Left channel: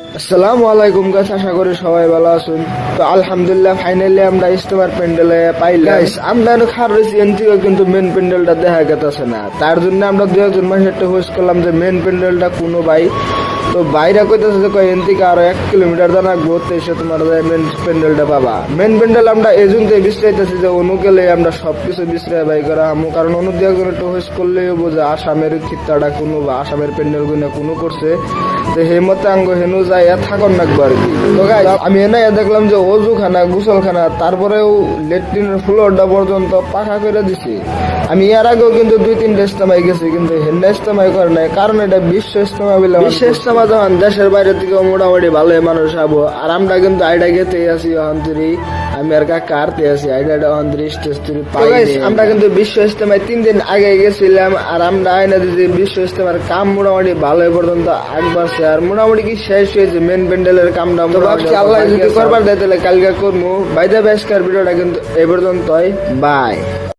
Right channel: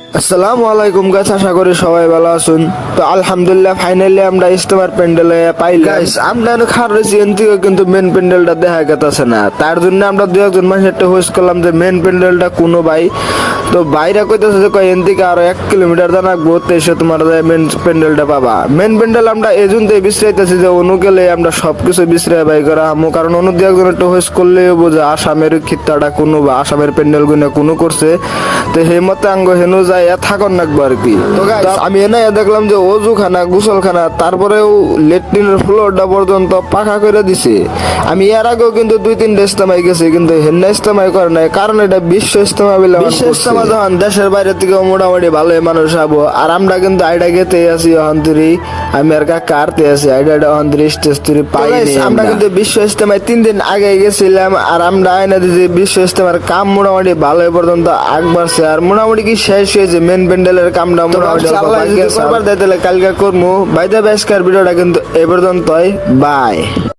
আসসালামু আলাইকুম গাইস, আশা করি সবাই ভালো আছেন। তো আলহামদুলিল্লাহ ফাইনালি আমরা ইস্তেমার প্যান্ডেলে পাইলাম। গাইস আমরা খার রয়েছি এনথেকে কিন্তু মেন প্যান্ডেলটা দেখা গেছে না, তার জন্য আমরা দুই একজন মানুষ একটা হোস্ট করলাম যে মেন প্যান্ডেলটা কোনো ভাই। তো বাইরে কইতেছে যে কয় এনথেকে আরো 1 কিলোমিটার জানাকবো, তো এসে তোমার মেন প্যান্ডেলটা পাবা। মেন প্যান্ডেল আমরা এই জন্য বিশ্রাইতেছি যে অনু গেলে আমরা সবকিছু বিশ্রায় বাই করা আমো, কারণ অনু দুই একজন একটা হোস্ট করলে বোঝা আসামের খিত্তাটা কোনো বা আসামের প্যান্ডেল গুলো কোনো করছে। তো হে মতে আঙ্গ হেনু যাই থাকুন নাকবো আর কি। তো গাইস আমি এনে দেখলাম যে অজুখানা গোসলখানা তারপরেও লেট্রিনের ফ্লোরটা পর্যন্ত পাখা করে দিছে। আমি এর আগেও কিন্তু 2-3টা ইস্তেমায় গেছি, কিন্তু হেন্না ইস্তেমায় করে নাই, কারণ এটা বিশ্ব ইস্তেমা বলে। বিশ্ব ইস্তেমা যখন দেশের বাইরে থেকে মোটামুটি ভালোই মানুষ আবো, আর আমরা কিন্তু আইডা গেতে আছি অন্তরি। আমি আর কাকা আরতে আছি আইডা অন্তরি স্টেজ তুরি পাই। আমরা কিন্তু বিশ্ব ইস্তেমায় 3 দিন আগে গেছিলাম, আর আমরা আইনা দিয়েছি বিশ্ব ইস্তেমার কাম মোটামুটি ভালোই পর্যন্ত আগবাড়ছে, আর মোটামুটি কি শেষ হয়েছে মেন প্যান্ডেলের কামটা। কালকে করবো, বাইরে বেশকার ভিডিওটা কিন্তু এ পর্যন্তই। বাই।